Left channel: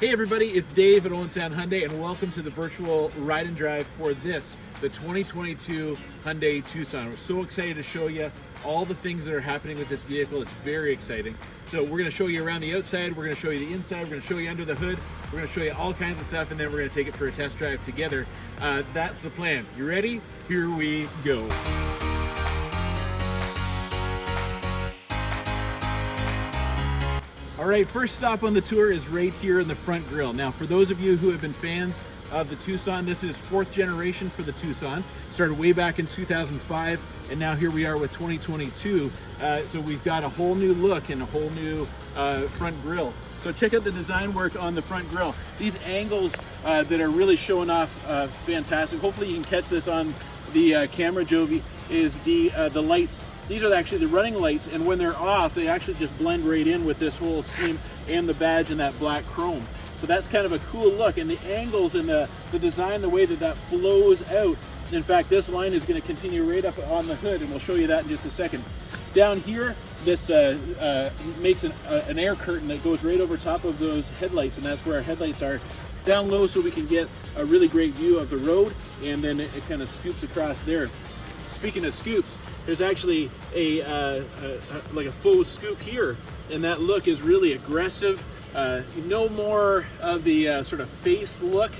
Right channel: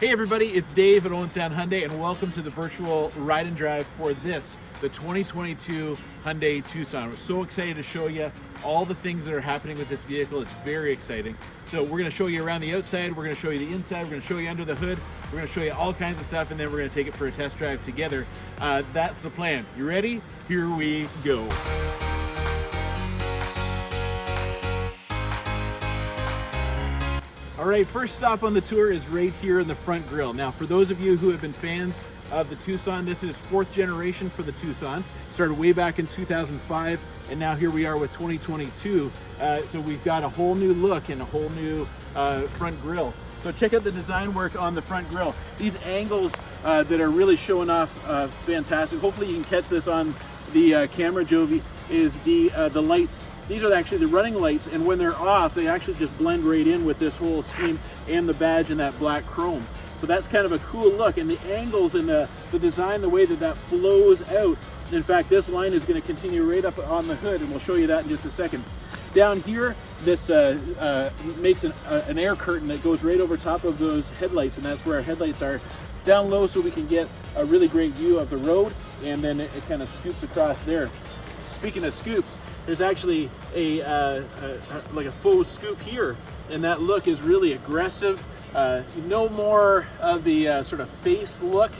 Hey everybody, it's Dave at Owen Sound Hyundai and welcome to the virtual ride and drive for this, the 2022 Hyundai Tucson. We're so excited to show you all the things that are happening with this vehicle. It's very exciting. So we're going to show you around the outside, we're going to show you the inside, we're going to show you under the hood, we're going to show you all kinds of stuff, and then we're going to take it for a test drive together. That's the plan. You ready? Here we go. All right, first stop on the tour is right here in the front grille. Now, for those of you who have been fans of the Tucson, this is fourth generation for the Tucson. Started way back in 2005, and now here we are with 2022. So we've got a whole new look and a whole new front grille. So check out the design work on the front grille. These angles that are really showing off fantastic. Hopefully you can catch this on the camera, Jovi, is the lights. These are actually the running lights, and when they're off, they actually just blend right in with this whole scheme and the badge and that black chrome. So that's kind of a cool look, and the angles and the design, the way that that flows out. In fact, this line is going to continue right up on the hood, and we'll show you that in just a second. Down here, this makes an air curtain that goes right over top of those headlights, and that's where our headlights are. Down low so we can get a really great view of the road, and then it kind of scoops across there. Speaking of scoops, there's actually like a faux scoop here, and that look is really aggressive. No more of the sort of face look,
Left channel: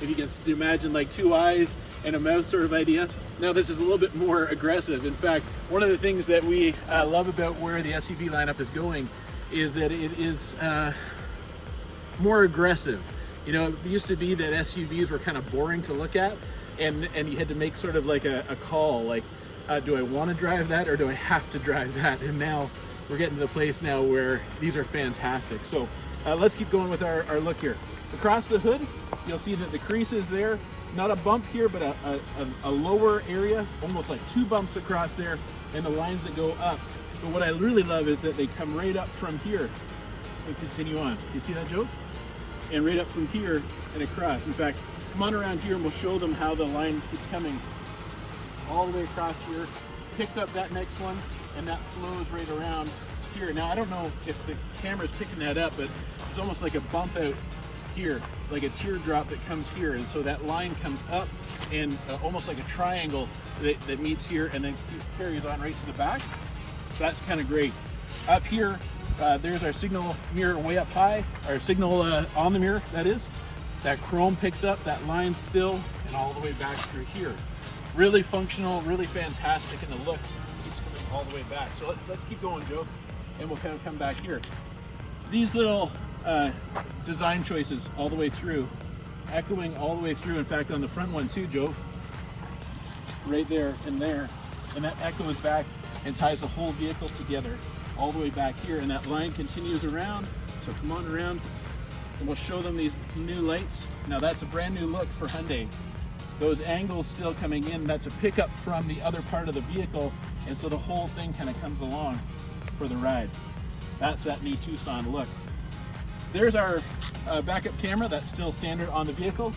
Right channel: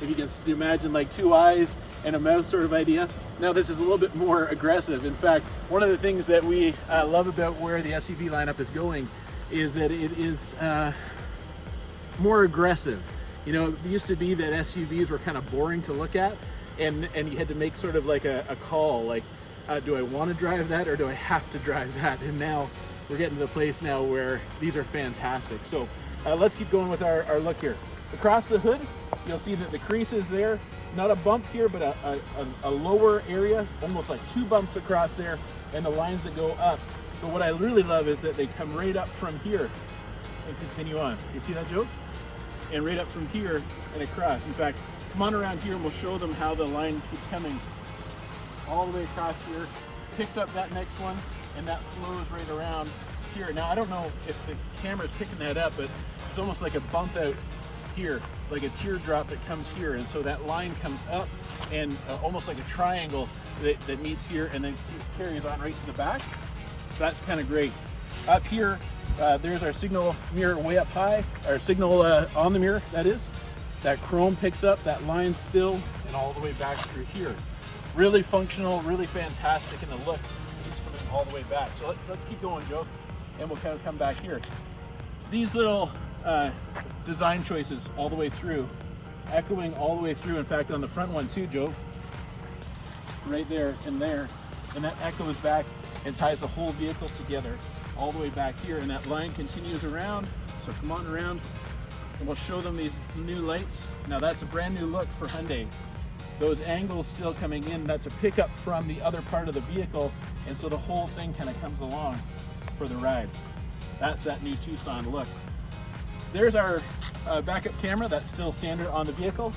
if you can imagine like two eyes and a mouth sort of idea. Now this is a little bit more aggressive. In fact, one of the things that we love about where the SUV lineup is going is that it is more aggressive. You know, it used to be that SUVs were kind of boring to look at, and you had to make sort of like a call, like, do I want to drive that or do I have to drive that? And now we're getting to the place now where these are fantastic. So let's keep going with our look here. Across the hood, you'll see that the crease is there. Not a bump here, but a lower area, almost like two bumps across there, and the lines that go up. But what I really love is that they come right up from here and continue on. You see that, Joe? And right up from here and across. In fact, come on around here and we'll show them how the line keeps coming all the way across here, picks up that next one, and that flows right around here. Now, I don't know if the camera's picking that up, but it's almost like a bump out here, like a teardrop that comes here. And so that line comes up and almost like a triangle that meets here and then carries on right to the back. So that's kind of great. Up here, there's our signal mirror way up high, our signal on the mirror, that is. That chrome picks up that line still and all the way back through here. Really functional, really fantastic in the look. It's coming all the way back. So let's keep going, Joe, and we'll kind of come back here. These little design choices all the way through, echoing all the way through. In fact, on the front one too, Joe, right there, and that echoes back and ties the whole vehicle together all the way back here, and that line continues around. So come on around, and we'll show them these new lights. Now that's a brand new look for Hyundai. Those angles still coming in, that's a pickup from the other part of the vehicle, and so the whole thing kind of comes along for the ride. That's that new Tucson look. There's our backup camera, that's still standard on the vehicle.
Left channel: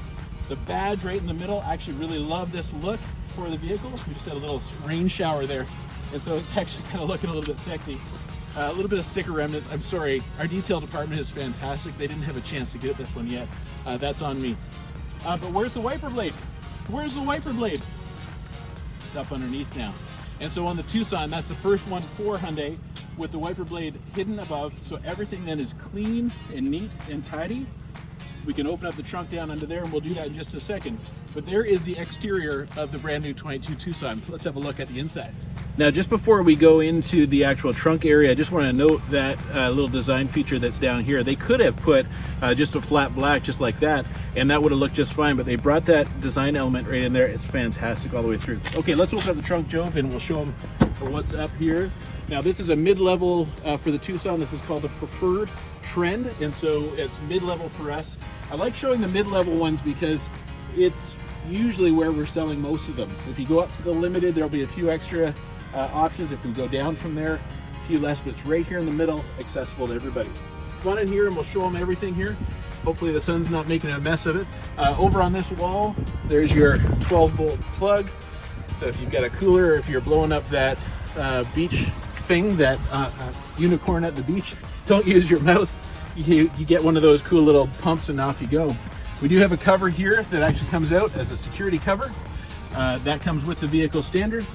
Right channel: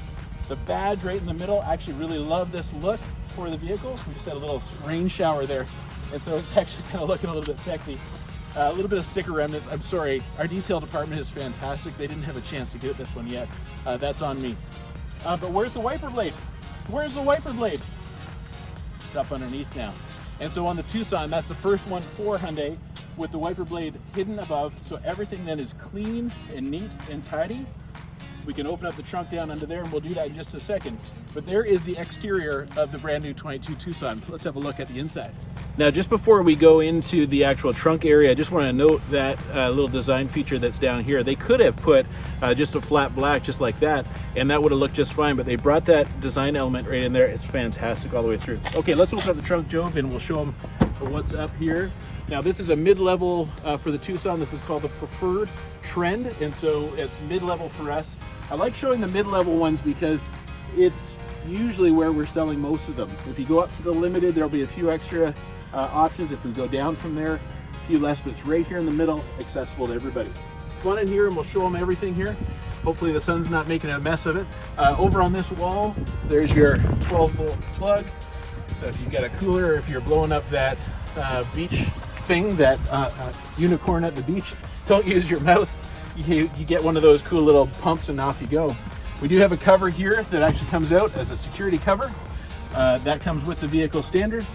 The badge right in the middle, I actually really love this look for the vehicle. We just had a little rain shower there, and so it's actually kind of looking a little bit sexy. A little bit of sticker remnants. I'm sorry, our detail department is fantastic. They didn't have a chance to get this one yet. That's on me. But where's the wiper blade? Where's the wiper blade? It's up underneath now. And so on the Tucson, that's the first one for Hyundai with the wiper blade hidden above. So everything then is clean and neat and tidy. We can open up the trunk down under there, and we'll do that in just a second. But there is the exterior of the brand new 22 Tucson. Let's have a look at the inside. Now, just before we go into the actual trunk area, I just want to note that little design feature that's down here. They could have put just a flat black just like that, and that would have looked just fine, but they brought that design element right in there. It's fantastic all the way through. Okay, let's open up the trunk, Joe, and we'll show them what's up here. Now, this is a mid-level for the Tucson. This is called the Preferred Trend, and so it's mid-level for us. I like showing the mid-level ones because it's usually where we're selling most of them. If you go up to the Limited, there'll be a few extra options. If we go down from there, a few less, but it's right here in the middle, accessible to everybody. Come on in here and we'll show them everything here. Hopefully the sun's not making a mess of it. Over on this wall, there's your 12-volt plug. So if you've got a cooler, or if you're blowing up that beach thing, that unicorn at the beach, don't use your mouth. you get one of those cool little pumps and off you go. We do have a cover here that actually comes out as a security cover. That comes with the vehicle standard.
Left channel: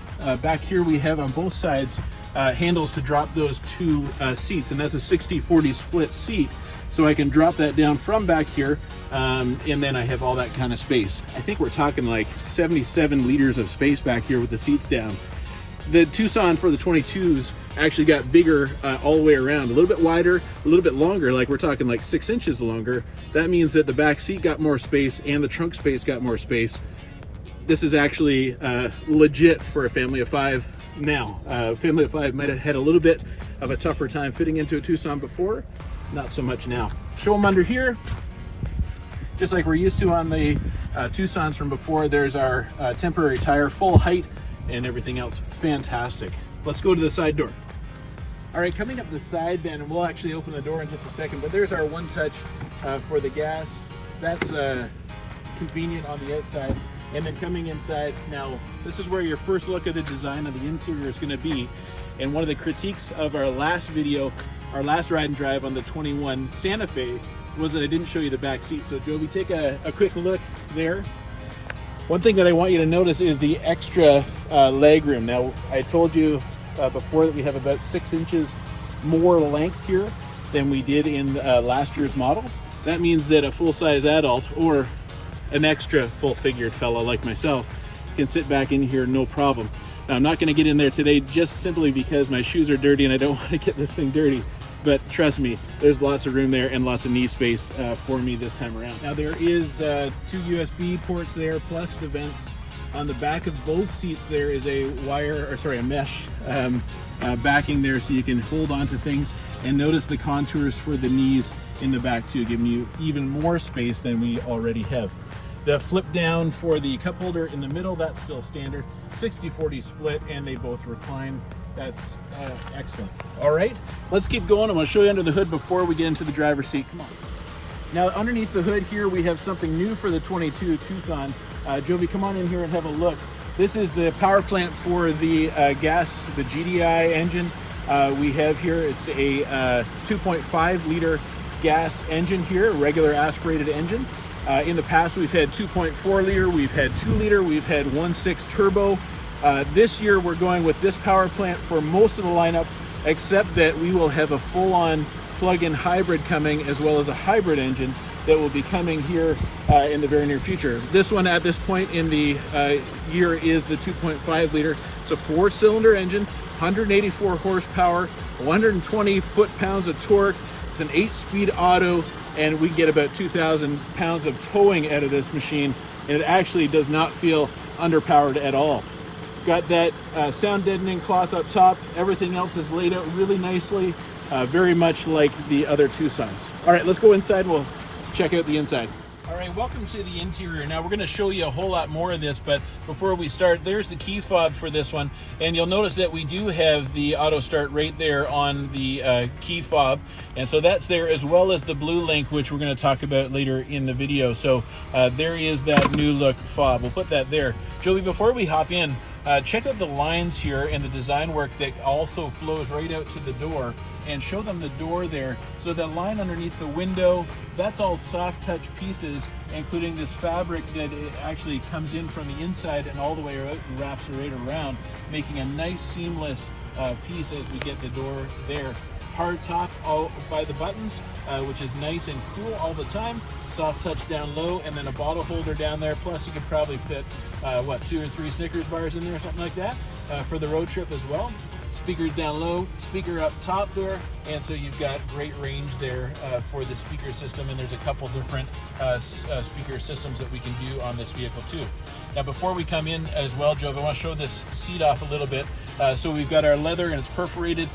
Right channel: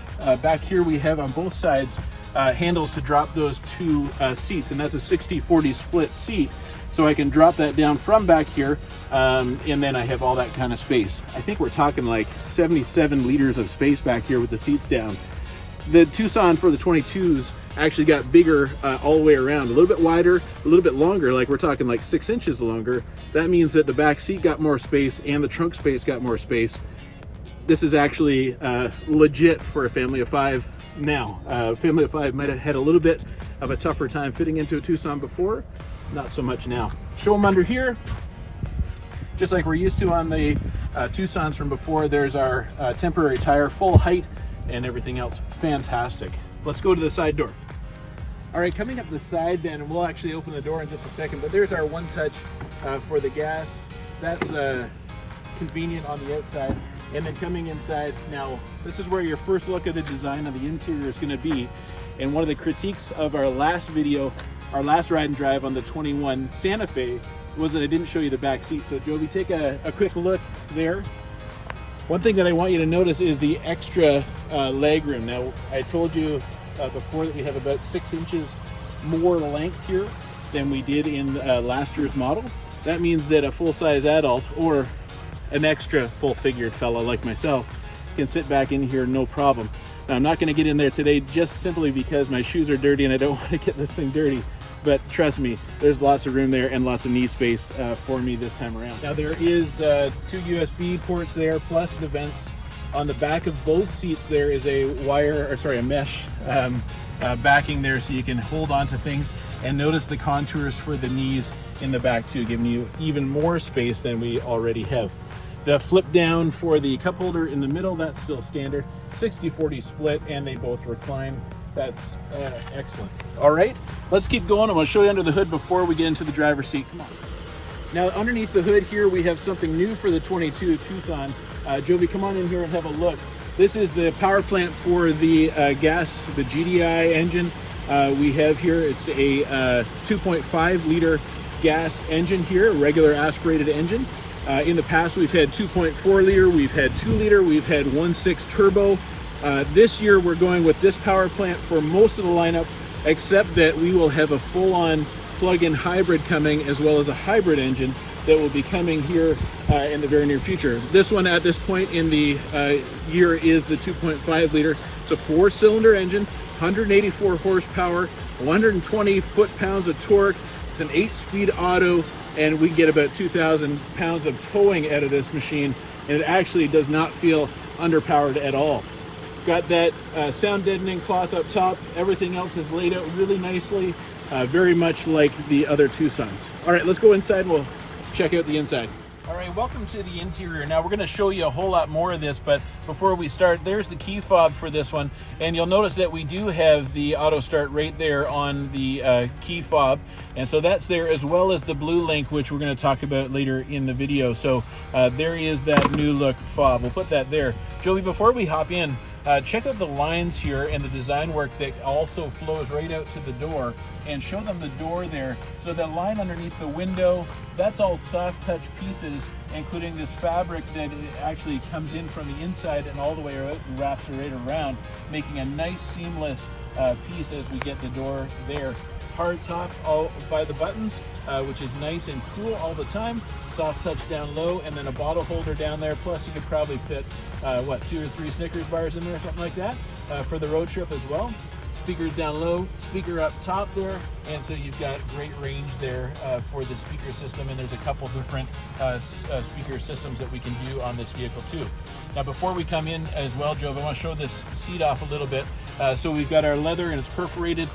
Back here we have on both sides handles to drop those two seats, and that's a 60-40 split seat. So I can drop that down from back here, and then I have all that kind of space. I think we're talking like 77 liters of space back here with the seats down. The Tucson for the 22s actually got bigger all the way around, a little bit wider, a little bit longer, like we're talking like 6 inches longer. That means that the back seat got more space and the trunk space got more space. This is actually legit for a family of 5 now. Family of 5 might have had a little bit of a tougher time fitting into a Tucson before, not so much now. Show them under here, just like we're used to on the Tucsons from before. There's our temporary tire, full height, and everything else fantastic. Let's go to the side door. All right, coming up the side then, and we'll actually open the door in just a second, but there's our one touch for the gas. That's convenient on the outside. And then coming inside, now this is where your first look at the design of the interior is going to be. And one of the critiques of our last video, our last ride and drive on the 21 Santa Fe, was that I didn't show you the back seat. So Joby, take a quick look there. One thing that I want you to notice is the extra leg room. Now, I told you before that we have about 6 inches more length here than we did in last year's model. That means that a full-size adult or an extra full-figured fellow like myself can sit back in here no problem. Now, I'm not going to get in there today just simply because my shoes are dirty and I don't want to get this thing dirty. But trust me, there's lots of room there and lots of knee space for me this time around. Now there is 2 USB ports there, plus the vents. On the back of both seats there is a mesh backing there, so you can hold on to things. And notice the contours for the knees in the back too, giving you even more space than we already have. The flip down for the cup holder in the middle, that's still standard. 60-40 split, and they both recline. That's excellent. All right, let's keep going. I'm going to show you under the hood before we get into the driver's seat. Come on. Now, underneath the hood here, we have something new for the 22 Tucson. Joby, come on in here and have a look. This is the power plant for the gas, the GDI engine. We have here, it's a 2.5 liter gas engine here, a regular aspirated engine. In the past, we've had 2.4 liter, we've had 2 liter, we've had 1.6 turbo. This year we're going with this power plant for most of the lineup, except that we will have a full-on plug-in hybrid coming, as well as a hybrid engine that will be coming here in the very near future. This one at this point in the year is the 2.5 liter. It's a 4-cylinder engine, 184 horsepower, 120 foot-pounds of torque. It's an 8-speed auto, and we get about 2,000 pounds of towing out of this machine, and it actually does not feel underpowered at all. Got that sound deadening cloth up top. Everything else is laid out really nicely, very much like the other Tucsons. All right, let's go inside and we'll check out the inside. All right, welcome to the interior. Now we're going to show you a whole lot more of this, but before we start, there's the key fob for this one, and you'll notice that we do have the auto start right there on the key fob, and so that's there, as well as the blue link, which we're going to talk about later in the video. So there is that new look fob. We'll put that there. Joey, before we hop in, check out the lines here and the design work that also flows right out to the door, and show them the door there. So the line underneath the window, that's all soft touch pieces, including this fabric that it actually comes in from the inside and all the way out and wraps right around, making a nice seamless piece as we get the door there. Hard top all by the buttons, which is nice and cool all the time. Soft touch down low, and then a bottle holder down there. Plus you could probably fit, 2 or 3 Snickers bars in there, something like that, for the road trip as well. Speakers down low, speaker up top there, and so you've got great range there for the speaker system, and there's a couple different speaker systems that we can do on this vehicle too. Now before we come in as well, Joe, I want to show this seat off a little bit. So we've got our leather and it's perforated,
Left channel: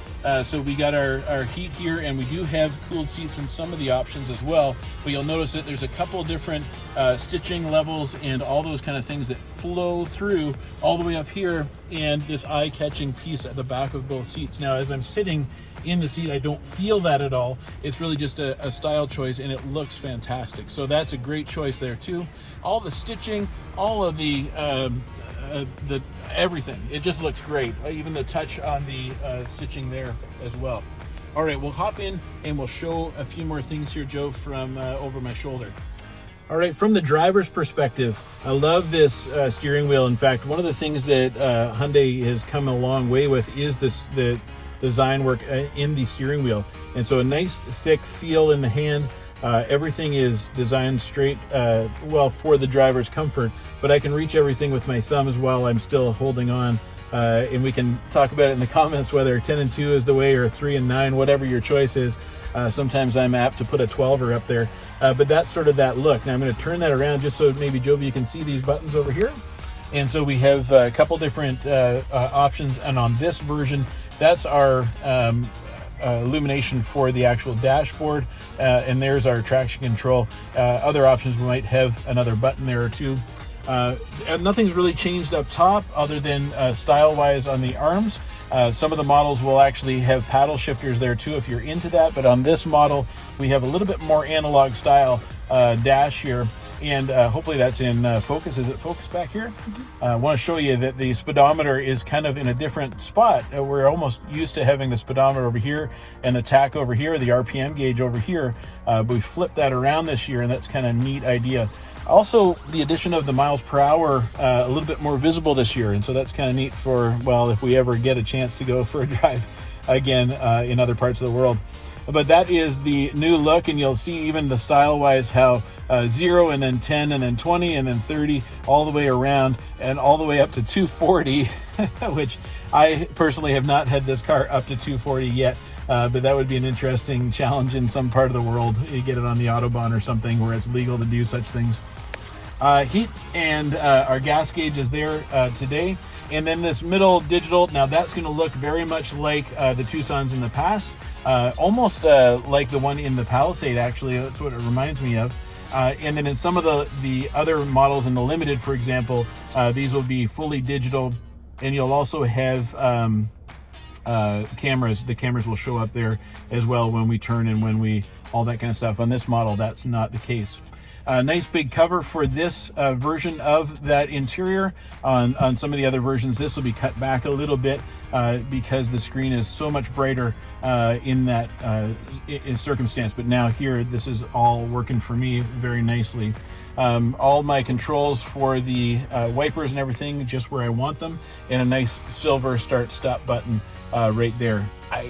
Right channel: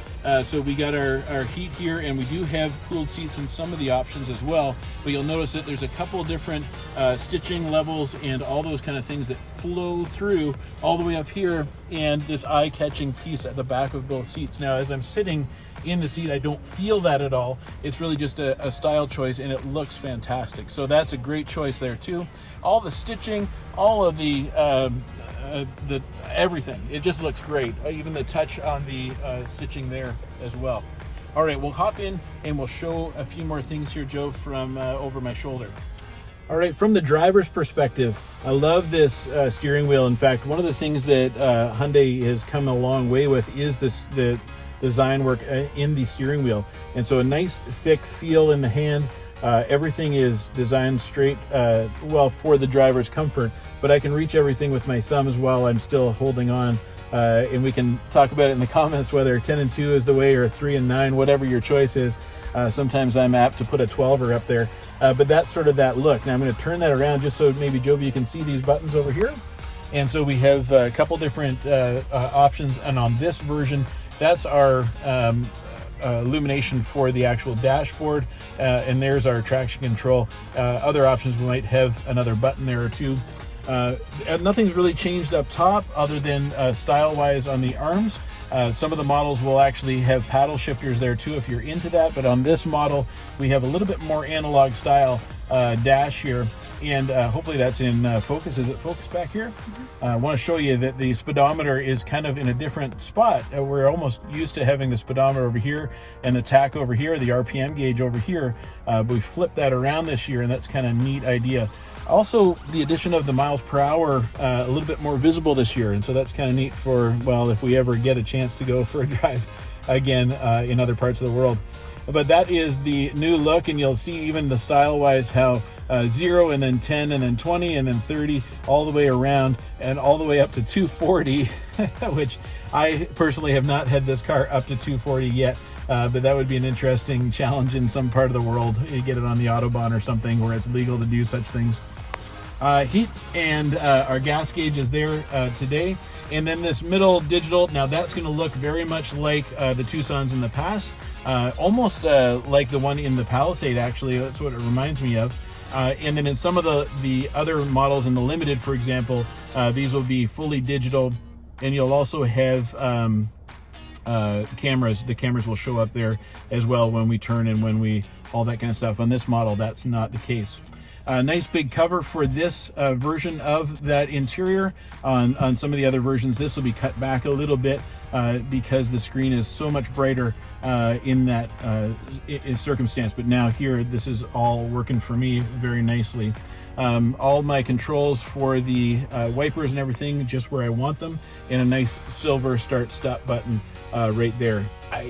so we got our heat here, and we do have cooled seats in some of the options as well, but you'll notice that there's a couple different stitching levels and all those kind of things that flow through all the way up here, and this eye-catching piece at the back of both seats. Now as I'm sitting in the seat, I don't feel that at all. It's really just a style choice, and it looks fantastic. So that's a great choice there too. All the stitching, all of the everything, it just looks great. Even the touch on the stitching there as well. All right, we'll hop in and we'll show a few more things here, Joe, from over my shoulder. All right, from the driver's perspective, I love this steering wheel. In fact, one of the things that Hyundai has come a long way with is the design work in the steering wheel. And so a nice thick feel in the hand. Everything is designed straight, well, for the driver's comfort, but I can reach everything with my thumbs while I'm still holding on. And we can talk about it in the comments, whether 10 and 2 is the way or 3 and 9, whatever your choice is. Sometimes I'm apt to put a 12er up there, but that's sort of that look. Now I'm going to turn that around just so maybe Joby, you can see these buttons over here. And so we have a couple different options, and on this version, that's our illumination for the actual dashboard, and there's our traction control. Other options, we might have another button there or two. Nothing's really changed up top other than style-wise on the arms. Some of the models will actually have paddle shifters there too if you're into that, but on this model we have a little bit more analog style dash here, and hopefully that's in focus. Is it focused back here? I want to show you that the speedometer is kind of in a different spot. We're almost used to having the speedometer over here and the tach over here, the RPM gauge over here, but we flipped that around this year, and that's kind of a neat idea. Also, the addition of the miles per hour a little bit more visible this year, and so that's kind of neat for, well, if we ever get a chance to go for a drive again in other parts of the world. But that is the new look, and you'll see even the style-wise how 0 and then 10 and then 20 and then 30 all the way around and all the way up to 240, which I personally have not had this car up to 240 yet. But that would be an interesting challenge in some part of the world. You get it on the Autobahn or something where it's legal to do such things. Heat and our gas gauge is there today. And then this middle digital, now that's going to look very much like the Tucsons in the past. Almost like the one in the Palisade, actually. That's what it reminds me of. And then in some of the other models in the Limited, for example, these will be fully digital. And you'll also have cameras. The cameras will show up there as well when we turn and when we, all that kind of stuff. On this model, that's not the case. Nice big cover for this version of that interior. On some of the other versions, this will be cut back a little bit because the screen is so much brighter in that circumstance. But now here, this is all working for me very nicely. All my controls for the wipers and everything just where I want them, and a nice silver start-stop button right there.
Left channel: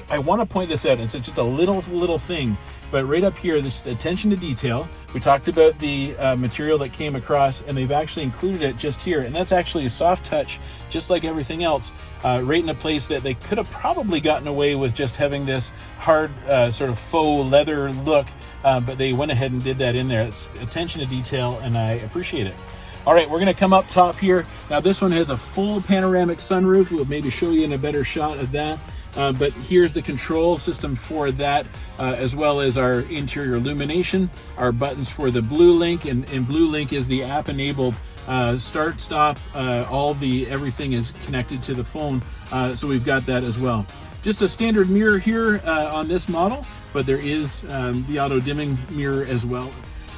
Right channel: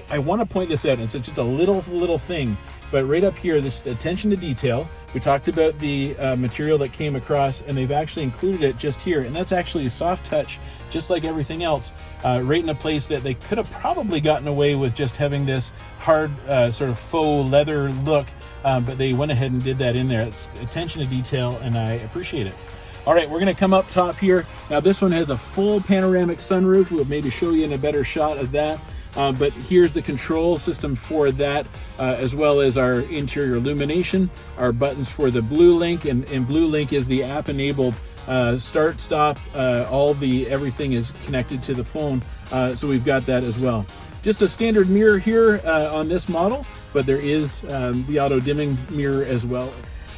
I want to point this out. It's just a little thing, but right up here, this attention to detail. We talked about the material that came across, and they've actually included it just here, and that's actually a soft touch, just like everything else, right in a place that they could have probably gotten away with just having this hard sort of faux leather look, but they went ahead and did that in there. It's attention to detail, and I appreciate it. All right, we're gonna come up top here. Now this one has a full panoramic sunroof. We'll maybe show you in a better shot of that. But here's the control system for that, as well as our interior illumination, our buttons for the Blue Link, and Blue Link is the app-enabled start, stop, everything is connected to the phone, so we've got that as well. Just a standard mirror here on this model, but there is the auto-dimming mirror as well.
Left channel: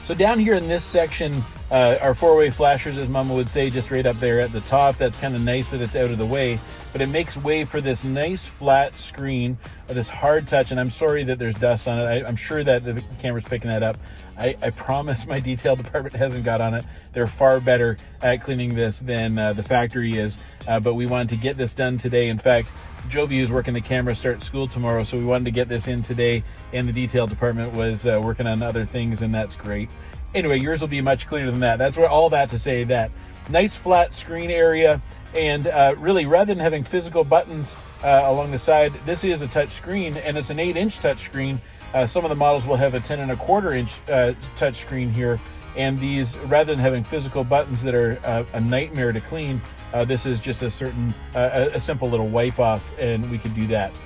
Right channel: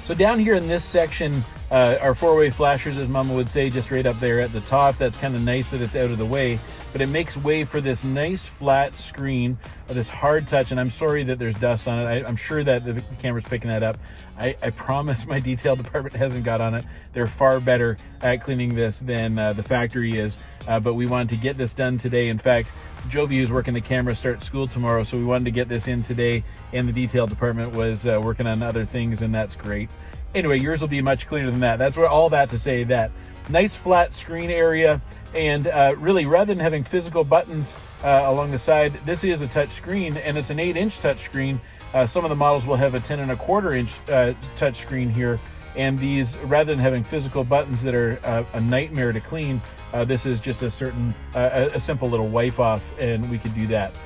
So down here in this section, our four-way flashers, as Mama would say, just right up there at the top. That's kind of nice that it's out of the way, but it makes way for this nice flat screen, this hard touch, and I'm sorry that there's dust on it. I'm sure that the camera's picking that up. I promise my detail department hasn't got on it. They're far better at cleaning this than the factory is, but we wanted to get this done today. In fact, Joby, who's working the camera, starts school tomorrow, so we wanted to get this in today, and the detail department was working on other things, and that's great. Anyway, yours will be much cleaner than that. That's all that to say that. Nice flat screen area, and really, rather than having physical buttons along the side, this is a touch screen, and it's an 8-inch touch screen. Some of the models will have a 10.25-inch touch screen here, and these, rather than having physical buttons that are a nightmare to clean, this is just a simple little wipe off, and we could do that.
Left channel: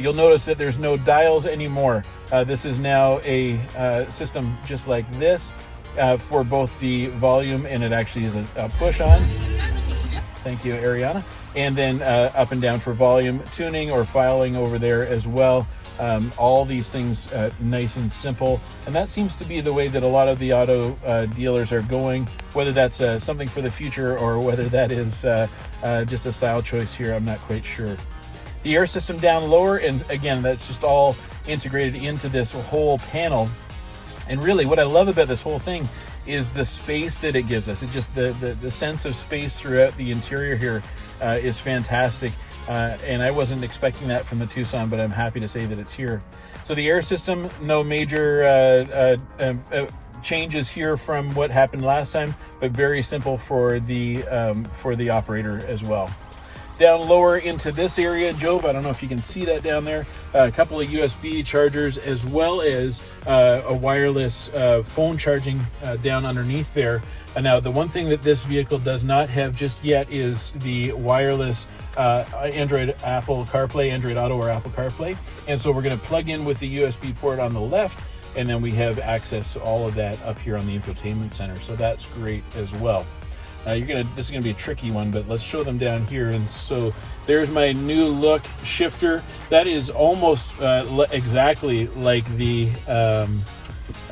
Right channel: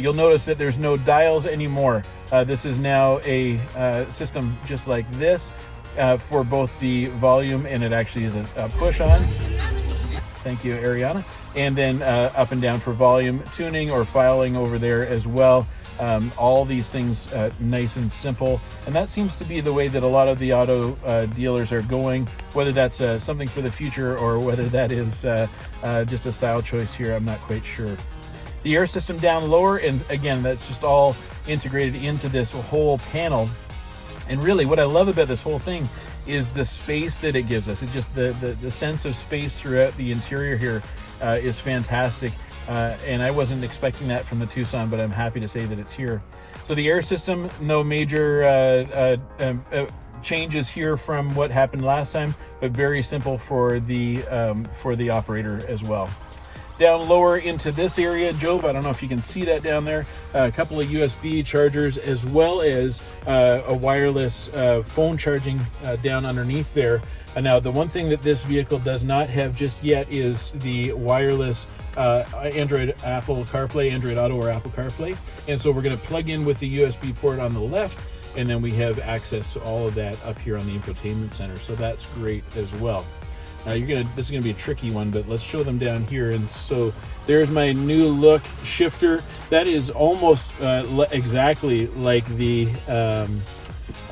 You'll notice that there's no dials anymore. This is now a system just like this for both the volume, and it actually is a push on. Thank you, Ariana. And then up and down for volume tuning or filing over there as well. All these things nice and simple, and that seems to be the way that a lot of the auto dealers are going. Whether that's something for the future or whether that is just a style choice here, I'm not quite sure. The air system down lower, and again, that's just all integrated into this whole panel. And really what I love about this whole thing is the space that it gives us. It just, the sense of space throughout the interior here is fantastic. And I wasn't expecting that from the Tucson, but I'm happy to say that it's here. So the air system, no major changes here from what happened last time, but very simple for the operator as well. Down lower into this area, Job, I don't know if you can see that down there, a couple of USB chargers, as well as a wireless phone charging down underneath there. And now the one thing that this vehicle does not have just yet is the wireless Android Auto or Apple CarPlay. And so we're going to plug in with the USB port on the left, and then we have access to all of that up here on the infotainment center. So that's great as well. This is gonna be a tricky one, but let's show them down here. And so there's my new look shifter. That is almost exactly like the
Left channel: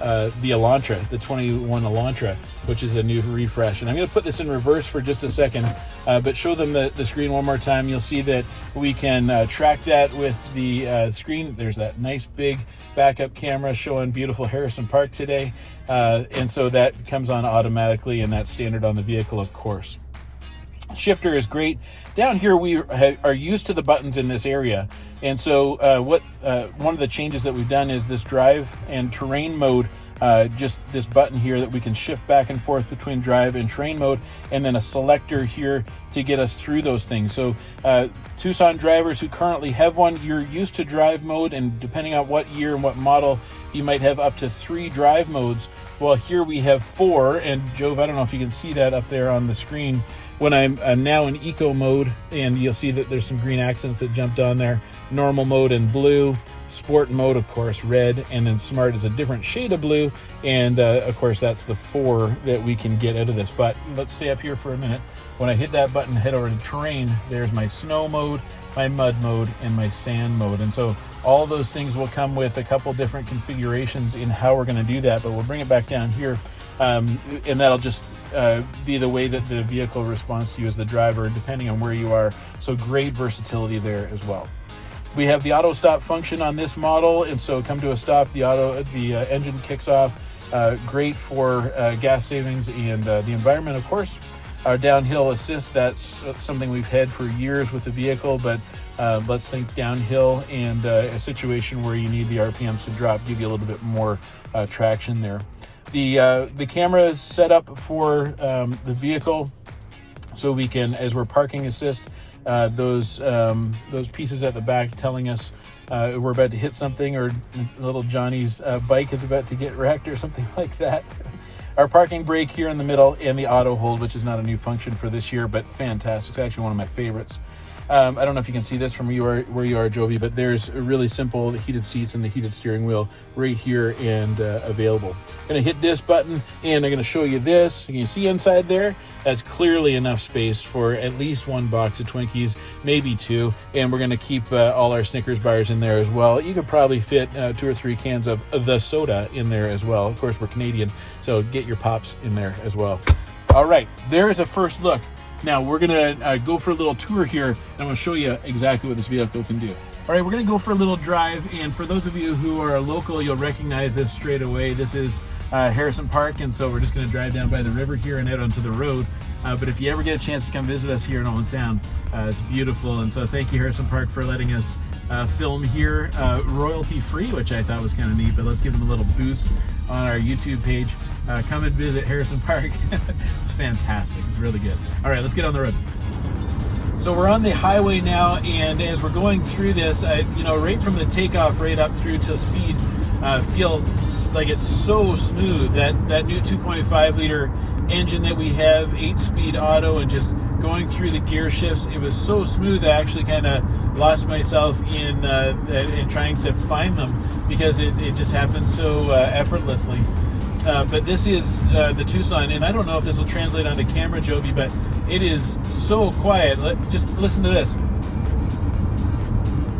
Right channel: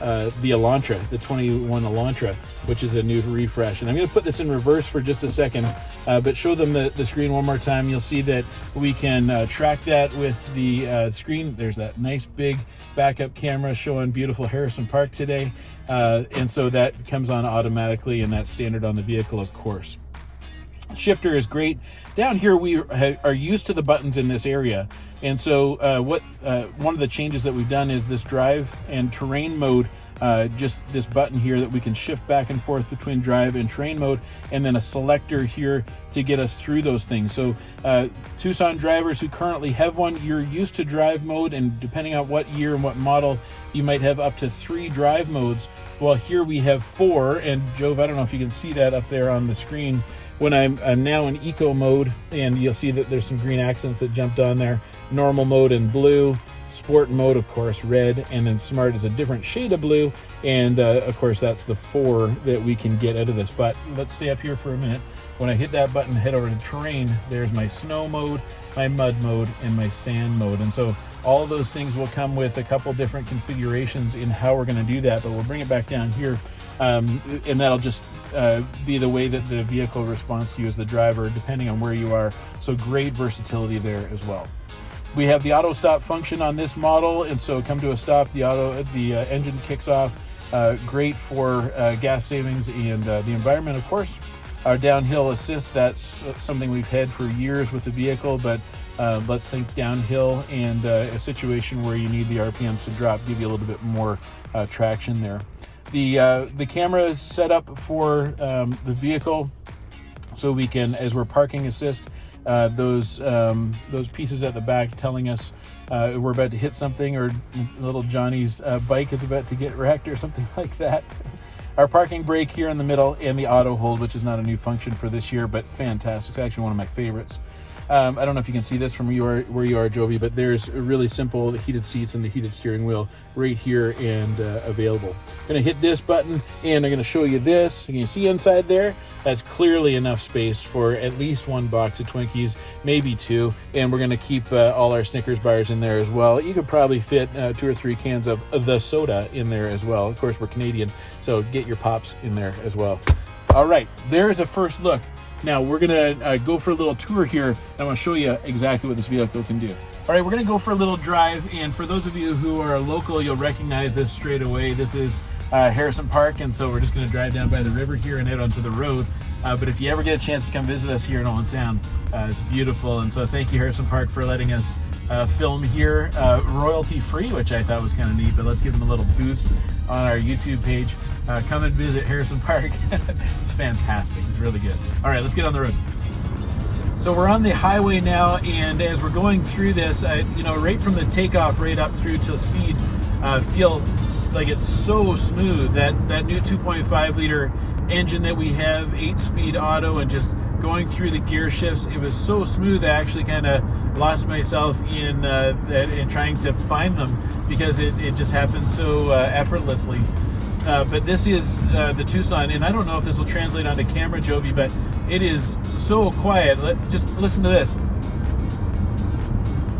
Elantra, the 21 Elantra, which is a new refresh. And I'm gonna put this in reverse for just a second, but show them the screen one more time. You'll see that we can track that with the screen. There's that nice big backup camera showing beautiful Harrison Park today. And so that comes on automatically, and that's standard on the vehicle, of course. Shifter is great. Down here we are used to the buttons in this area, and so one of the changes that we've done is this drive and terrain mode. Just this button here that we can shift back and forth between drive and terrain mode, and then a selector here to get us through those things. So Tucson drivers who currently have one, you're used to drive mode, and depending on what year and what model, you might have up to 3 drive modes. Well, here we have 4, and Jove, I don't know if you can see that up there on the screen. When I'm now in eco mode, and you'll see that there's some green accents that jumped on there. Normal mode in blue, sport mode, of course, red, and then smart is a different shade of blue. And of course, that's the 4 that we can get out of this. But let's stay up here for a minute. When I hit that button, head over to terrain, there's my snow mode, my mud mode, and my sand mode. And so all those things will come with a couple different configurations in how we're going to do that, but we'll bring it back down here. And that'll just be the way that the vehicle responds to you as the driver, depending on where you are. So great versatility there as well. We have the auto stop function on this model, and so come to a stop, the engine kicks off. Great for gas savings and the environment, of course. Our downhill assist, that's something we've had for years with the vehicle, but let's think downhill and a situation where you need the RPMs to drop, give you a little bit more traction there. The camera is set up for the vehicle, so we can, as we're parking assist, those pieces at the back telling us we're about to hit something, or little Johnny's bike is about to get wrecked or something like that. Our parking brake here in the middle, and the auto hold, which is not a new function for this year, but fantastic. It's actually one of my favorites. I don't know if you can see this from where you are, Jovi, but there's a really simple heated seats and the heated steering wheel right here and available. I'm going to hit this button, and I'm going to show you this. You can see inside there, that's clearly enough space for at least 1 box of Twinkies, maybe 2, and we're going to keep all our Snickers bars in there as well. You could probably fit 2 or 3 cans of the soda in there as well. Of course, we're Canadian, so get your pops in there as well. All right, there's a first look. Now we're gonna go for a little tour here, and I'm gonna show you exactly what this vehicle can do. All right, we're gonna go for a little drive, and for those of you who are local, you'll recognize this straight away. This is Harrison Park, and so we're just gonna drive down by the river here and out onto the road. But if you ever get a chance to come visit us here in Owen Sound, it's beautiful, and so thank you, Harrison Park, for letting us film here royalty free, which I thought was kind of neat. But let's give them a little boost on our YouTube page. Come and visit Harrison Park. It's fantastic. It's really good. All right, let's get on the road. So we're on the highway now, and as we're going through this, right from the takeoff right up through to speed, feel like it's so smooth. That new 2.5 liter engine that we have, 8-speed auto, and just going through the gear shifts, it was so smooth. I actually kind of lost myself in trying to find them because it just happened so effortlessly. But this is the Tucson, and I don't know if this will translate onto camera, Jovi, but it is so quiet. Just listen to this.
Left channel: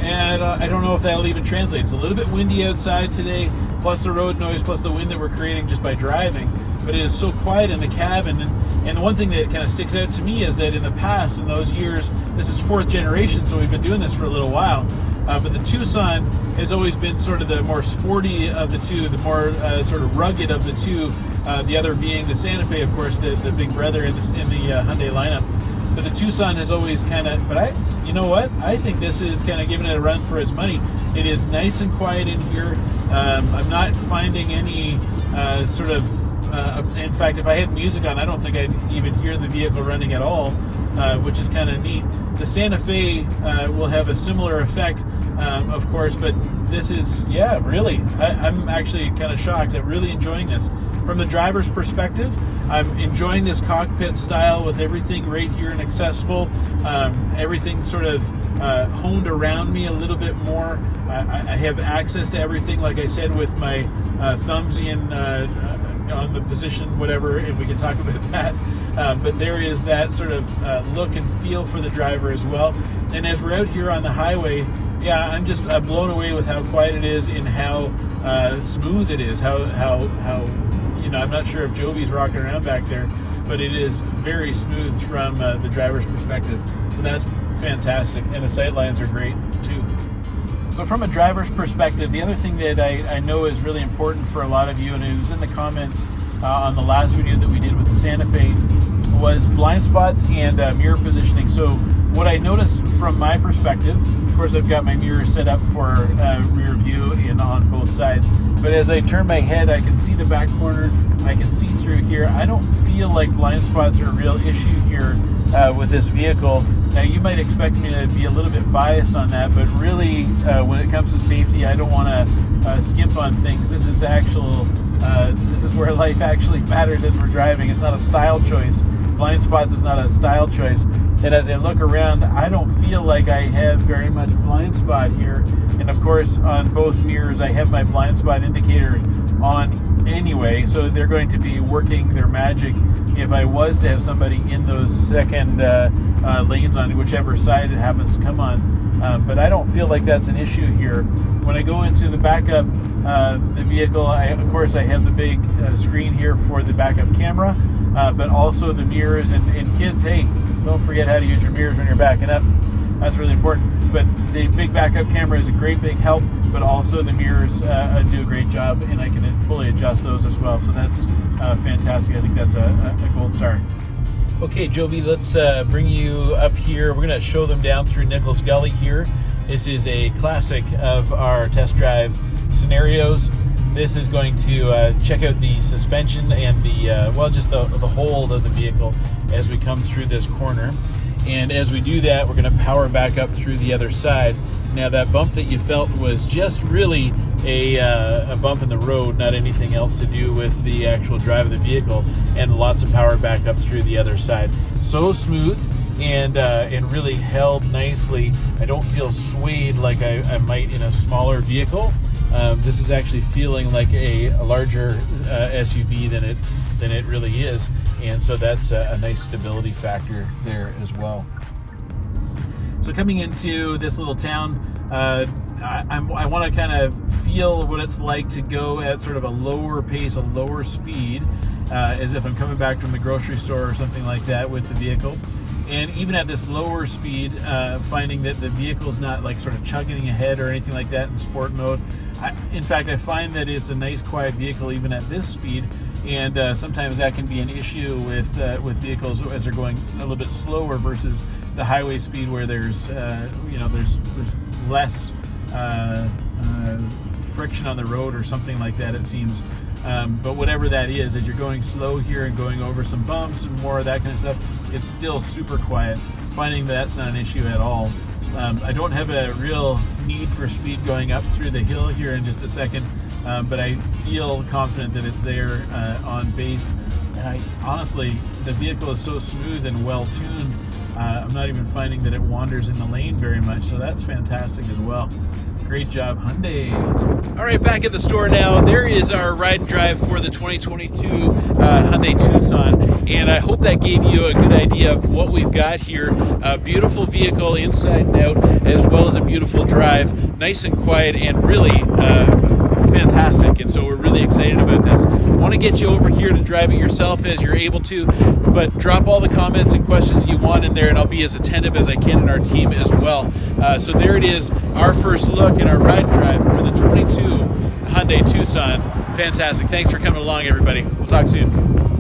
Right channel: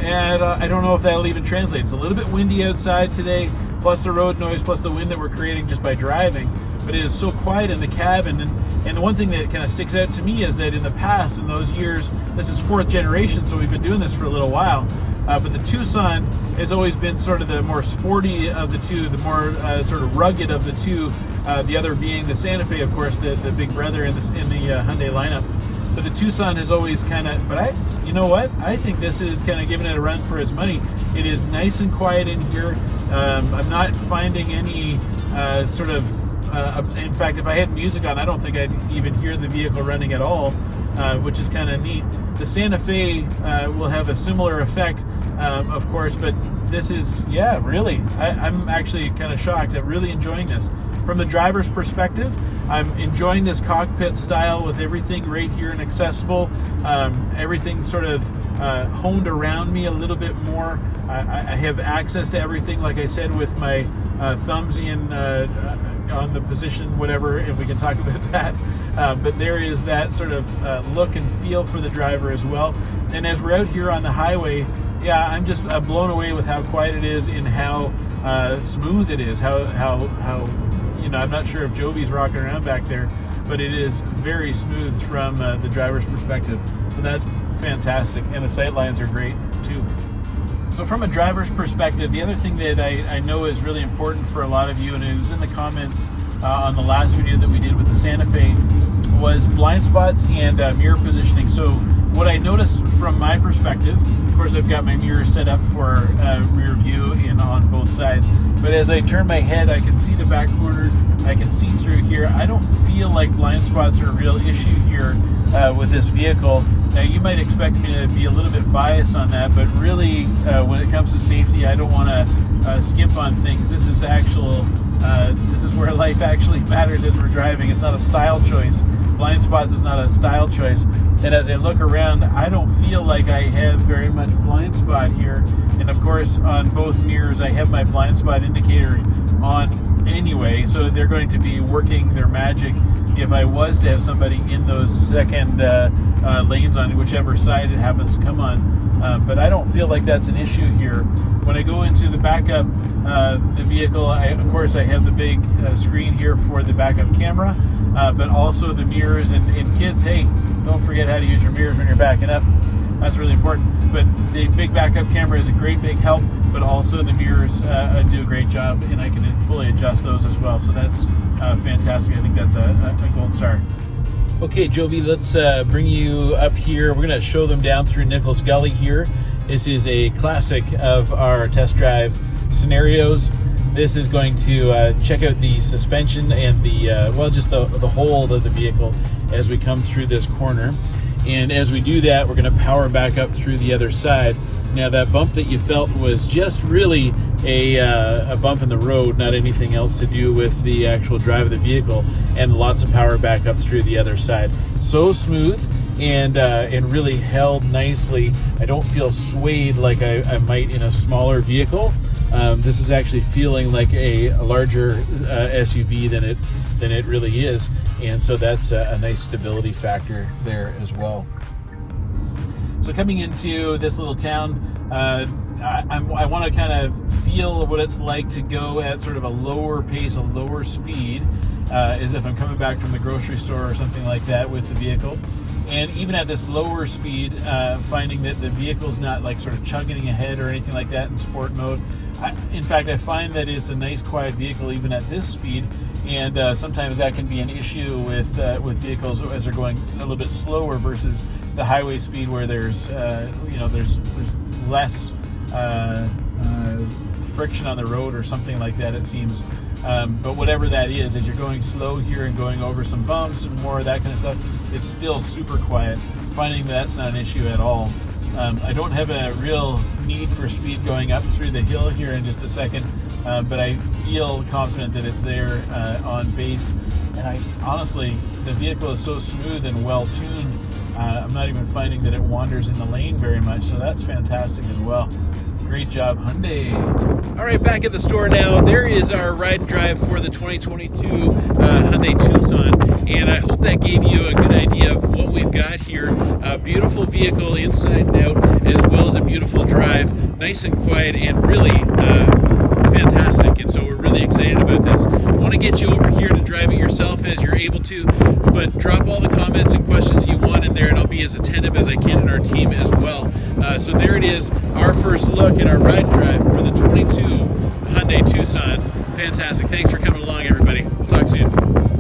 And I don't know if that'll even translate. It's a little bit windy outside today, plus the road noise, plus the wind that we're creating just by driving. but it is so quiet in the cabin. And the one thing that kind of sticks out to me is that in the past, in those years, this is 4th generation, so we've been doing this for a little while. But the Tucson has always been sort of the more sporty of the two, the more sort of rugged of the two. The other being the Santa Fe, of course, the big brother in the Hyundai lineup. But the Tucson has always kind of, you know what? I think this is kind of giving it a run for its money. It is nice and quiet in here. I'm not finding any sort of, in fact, if I had music on, I don't think I'd even hear the vehicle running at all, which is kind of neat. The Santa Fe will have a similar effect, of course, but this is, yeah, really, I'm actually kind of shocked. I'm really enjoying this. From the driver's perspective, I'm enjoying this cockpit style with everything right here and accessible. Everything sort of honed around me a little bit more. I have access to everything, like I said, with my thumbs in on the position, whatever, if we can talk about that. But there is that sort of look and feel for the driver as well. And as we're out here on the highway, yeah, I'm just blown away with how quiet it is and how smooth it is. How I'm not sure if Jovi's rocking around back there, but it is very smooth from the driver's perspective. So that's fantastic, and the sight lines are great too. So from a driver's perspective, the other thing that I know is really important for a lot of you, and it was in the comments on the last video that we did with the Santa Fe, was blind spots and mirror positioning. So what I noticed from my perspective, of course I've got my mirror set up for rear view and on both sides, but as I turn my head, I can see the back corner, I can see through here. I don't feel like blind spots are a real issue here with this vehicle. Now you might expect me to be a little bit biased on that, but really when it comes to safety, I don't want to skimp on things. This is this is where life actually matters as we're driving. It's not a style choice. Blind spots is not a style choice. And as I look around, I don't feel like I have very much blind spot here. And of course, on both mirrors, I have my blind spot indicator on anyway, so they're going to be working their magic if I was to have somebody in those second lanes on whichever side it happens to come on. But I don't feel like that's an issue here. When I go into the backup, the vehicle, of course I have the big screen here for the backup camera, but also the mirrors, and kids, hey, don't forget how to use your mirrors when you're backing up. That's really important. But the big backup camera is a great big help, but also the mirrors do a great job, and I can fully adjust those as well. So that's fantastic. I think that's a gold star. Okay, Jovi, let's bring you up here. We're going to show them down through Nichols Gully here. This is a classic of our test drive scenarios. This is going to check out the suspension and just the hold of the vehicle as we come through this corner. And as we do that, we're going to power back up through the other side. Now that bump that you felt was just really a bump in the road, not anything else to do with the actual drive of the vehicle, and lots of power back up through the other side. So smooth and really held nicely. I don't feel swayed like I might in a smaller vehicle. This is actually feeling like a larger SUV than it really is, and so that's a nice stability factor there as well. So coming into this little town, I want to kind of feel what it's like to go at sort of a lower pace, a lower speed, as if I'm coming back from the grocery store or something like that with the vehicle. And even at this lower speed, finding that the vehicle's not like sort of chugging ahead or anything like that in sport mode. In fact, I find that it's a nice quiet vehicle even at this speed, and sometimes that can be an issue with vehicles as they're going a little bit slower versus the highway speed where there's less friction on the road or something like that, it seems. But whatever that is, as you're going slow here and going over some bumps and more of that kind of stuff, it's still super quiet. Finding that's not an issue at all. I don't have a real need for speed going up through the hill here in just a second, but I feel confident that it's there on base. And honestly, the vehicle is so smooth and well tuned, I'm not even finding that it wanders in the lane very much, so that's fantastic as well. Great job, Hyundai. All right, back at the store now. There is our ride and drive for the 2022 Hyundai Tucson, and I hope that gave you a good idea of what we've got here. A beautiful vehicle inside and out, as well as a beautiful drive, nice and quiet, and really fantastic. And so we're really excited about this. Want to get you over here to drive it yourself as you're able to, but drop all the comments and questions you want in there, and I'll be as attentive as I can, and our team as well. So there it is, our first look at our ride and drive for the 22 Hyundai Tucson. Fantastic. Thanks for coming along, everybody. We'll talk soon.